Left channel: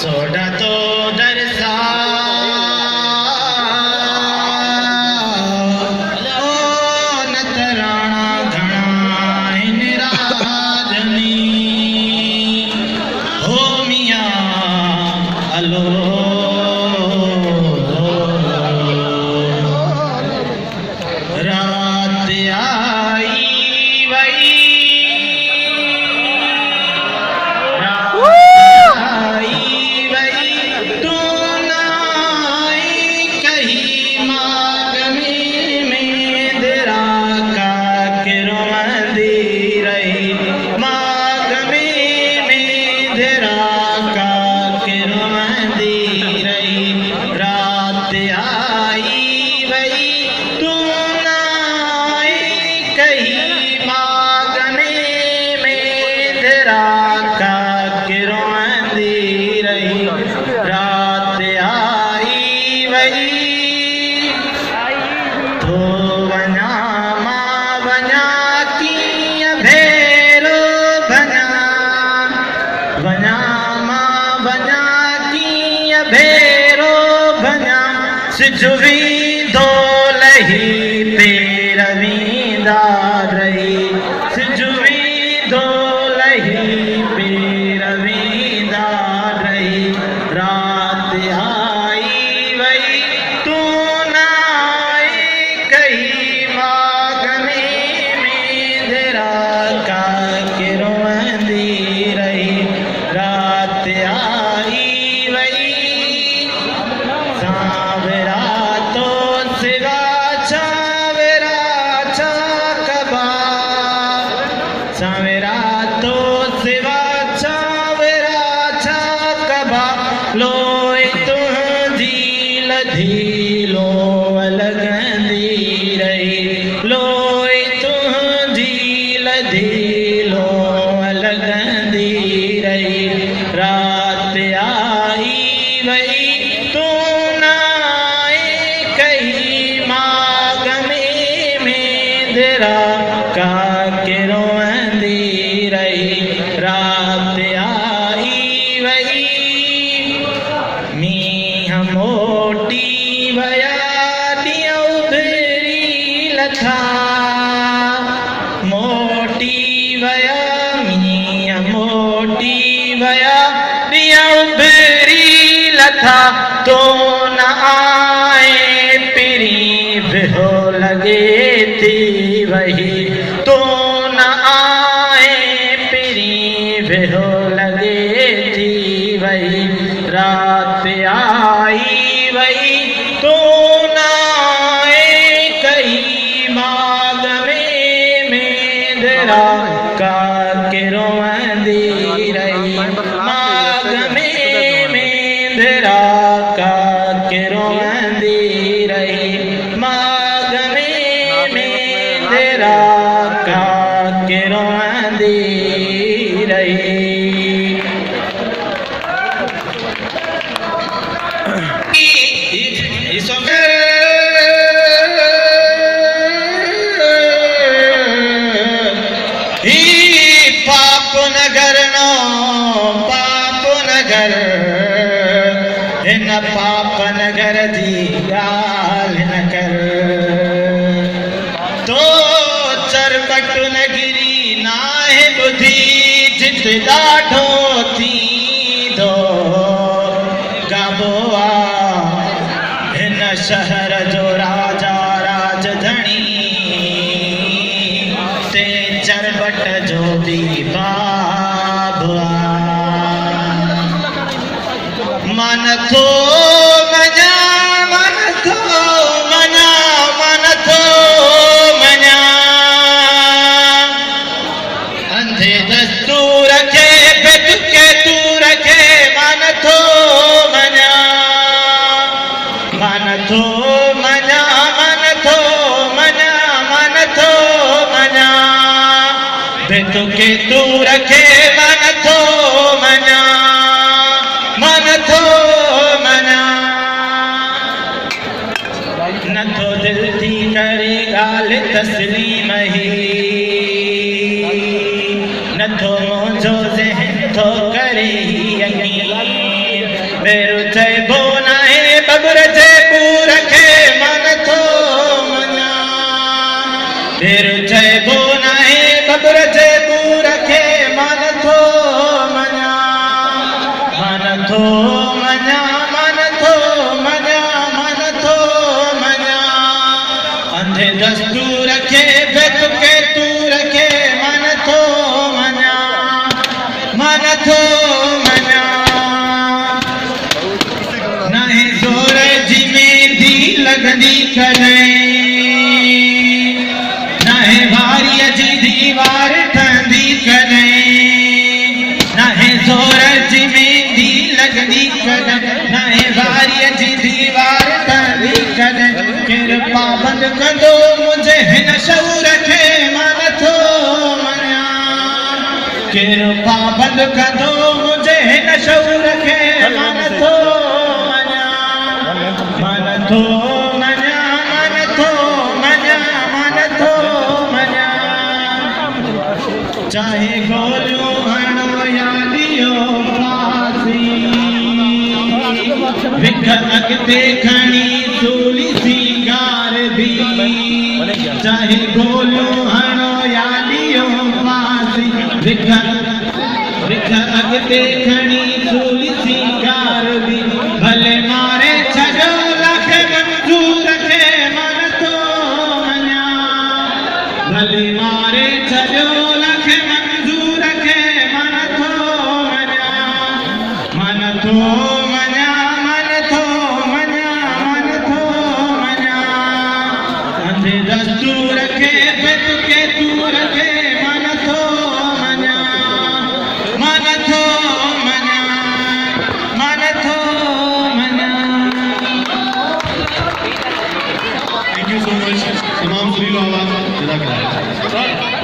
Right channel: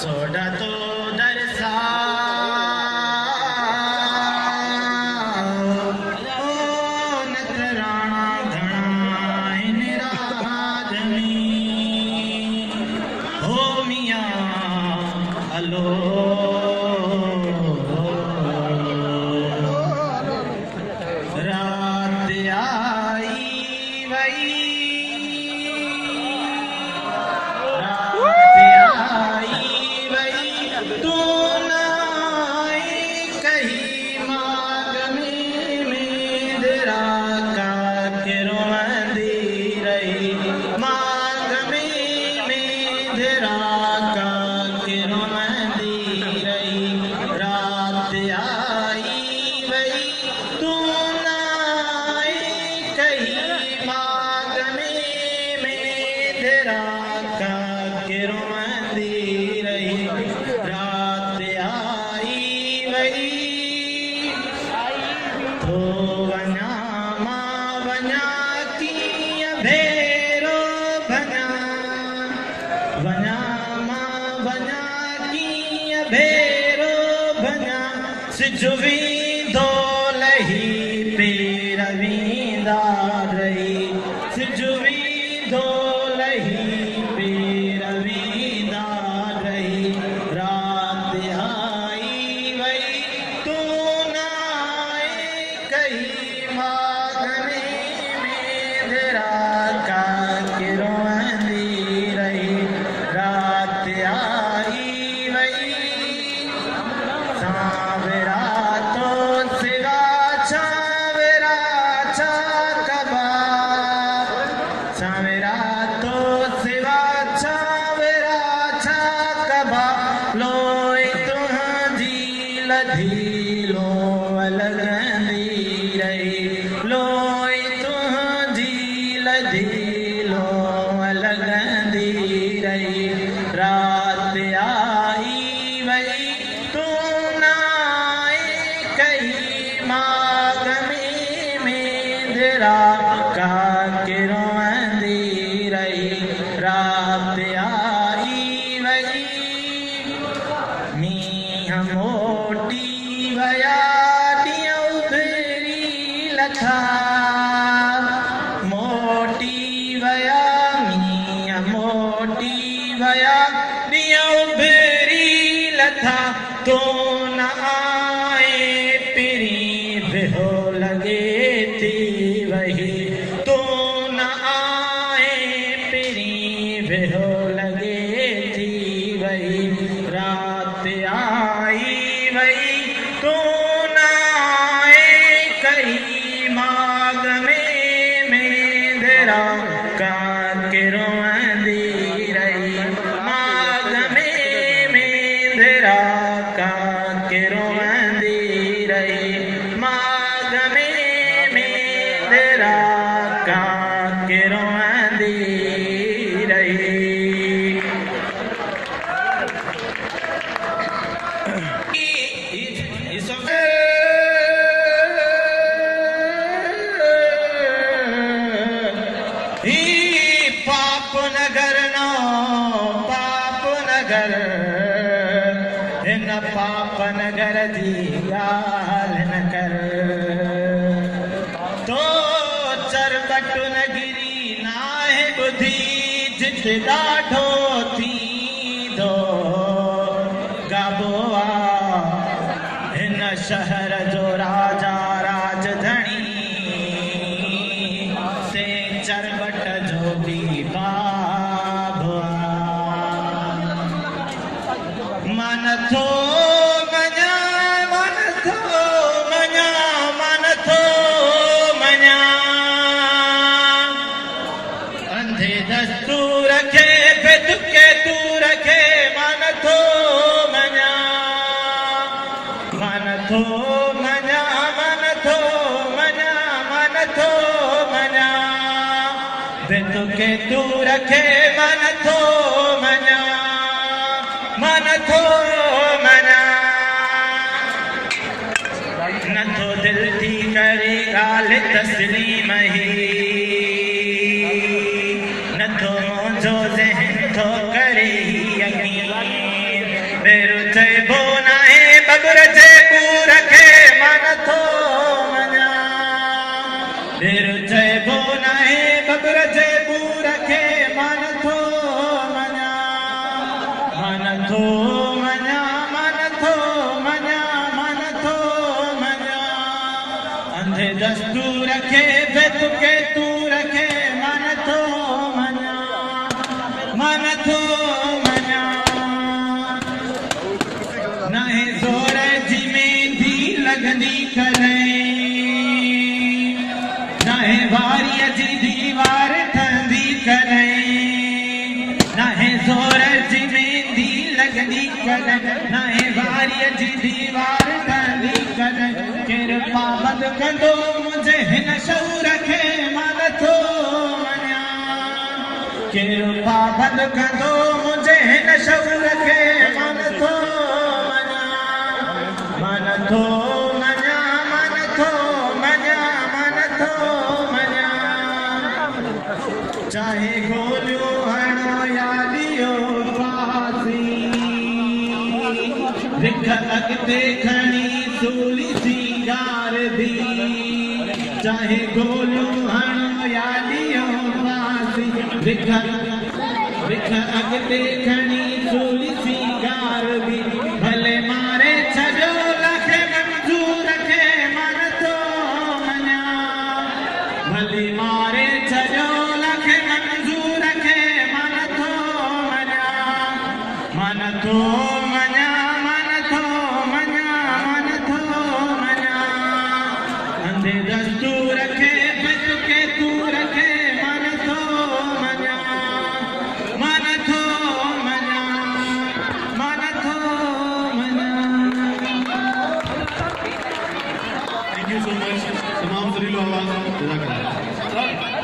Soda तो दरसा ओ नतराणा घणा इन राजनी हो मियां अलो रात आई वई सिजुवी दोलही पेरवींदा रही सिजुवी दोलही पेरवींदा रही रात आई वई तू ना आई कही मागने में देरा का के रोंदी रही रात आई वई सावरा तो सिवा चावरा चाकबा सावरा तो सिवा चावरा चाकबा लोए तुझी लधीलो लगंदी रही लोए तुझी लधीलो लगंदी रही रात आई वई तू ना कही मागमे में देरा का के रोंदी रही रात आई वई मींह मोटी वया दियो भेरी लथा मोटी वया मींह मोटी वया दियो भेरी लथा तो न आए पिरी हो लगे थी वही तो न आए पिरी हो लगे थी वही रात आई वही तो न आए कही माग में देरा का के रोंदी रही माग में देरा का के रोंदी रही माग में देरा का के रोंदी रही पाप नगर नो पाप नगर इन पाप नगर जी गाल न कर तो चरबट नगरी नाहे बुधी जित ॾाढो थी दो गाबोआ हिन शहर जो राजा राजधणी ते चरबट जो भी बाबा मन थो मना मन थो मना मन थो मना अंधे दस्तूर के बित के तू रखे मन थो मना मन थो मना मन थो मना मन थो मना बित के तू रखे मन थो मना मन थो मना न तो दिल थी करे गाल तस्लीम ही न तो मुझो ज़हन थो करे यकीन भेरू चइबो नाहे बबुर जे पूर खे मन थो मञा भेरू चइबो नाहे बबुर जे पूर खे मन थो मञा मन थो मञा मन थो मञा मन थो मञा अंधे दस्तूर खे बेत के तूर खे मन थो मञा मन थो मञा नाहे ज़ोर जी मेंदी लॻंदी कॾहिं नाहे वारीअ जी दीवार ठहंदी कॾहिं नाहे ज़ोर जी मेंदी लॻंदी कॾहिं नाहे वारीअ जी दीवार ठहंदी कॾहिं केरु पाबंद कंदो मुंहिंजे हिन शऊर खे मन थो मञा केरु पाबंद कंदो मुंहिंजे हिन शऊर खे मन थो मञा मन थो मञा मन थो मञा मन थो मञा चाहे गोलियूं हणो या ॾियो फासी विख अॻिते खणी सूली सिंगार बि चाहे गोलियूं हणो या ॾियो फासी विख अॻिते खणी सूली सिंगार बि भले मारे छॾो लख मंज़ूर खे मन थो मञा भले मारे छॾो लख मंज़ूर खे मन थो मञा मन थो मञा मन थो मञा मन थो मञा अंधे दस्तूर खे बेत के तूर खे मन थो मञा मन थो मञा मन थो मञा Thank you so much, Imam Zalil Awaz.